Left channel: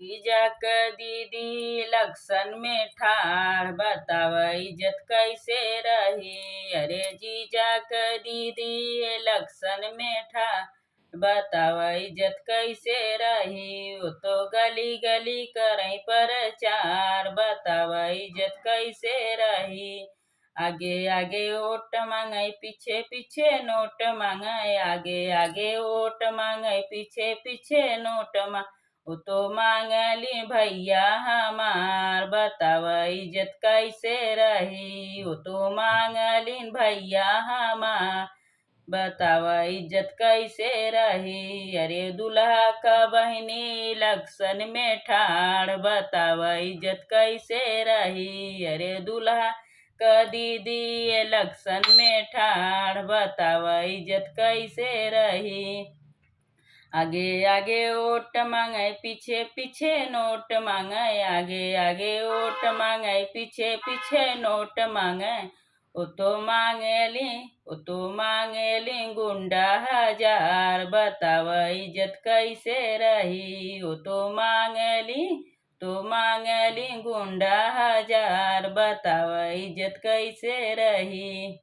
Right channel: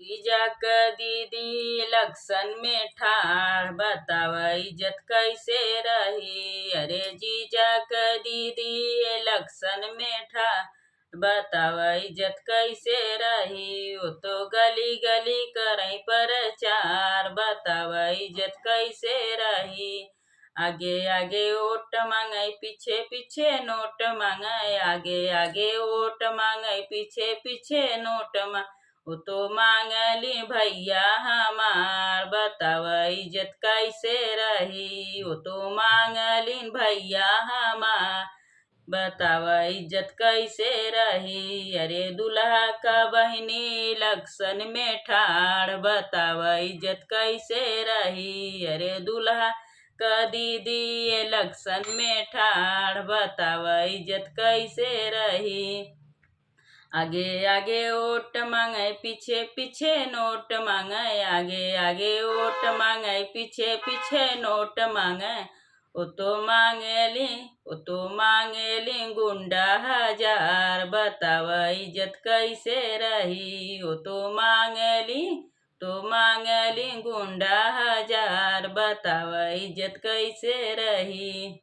जीजा क दीदी लक्षण में ठाड़ बताव इज्जत कैसे रही। अरे जीजा क दीदी लक्षण में ठाड़ बताव इज्जत कैसे रही। वो तो गली गली करई प्रचार बताव इज्जत कैसे रही। आगे आगे वोट मांगे पीछे पीछे नोट मांगे। आगे आगे वोट मांगे पीछे पीछे नोट मांगे। वो तो मांगली भैया हमार बताव इज्जत कैसे रही। वो तो मांगलिन भैया हमार बताव इज्जत कैसे रही। अरे दुल्हा का बहनी लक्षण में ठाड़ बताव इज्जत कैसे रही। अरे दुल्हा का दीदी लक्षण में ठाड़ बताव इज्जत कैसे रही। आगे आगे वोट मांगे पीछे पीछे नोट मांगे। आगे आगे वोट मांगे पीछे पीछे नोट मांगे। वो तो मांगेली गुंडा हजार बताव इज्जत कैसे रही। वो तो मांगली गुंडा हजार बताव इज्जत कैसे रही।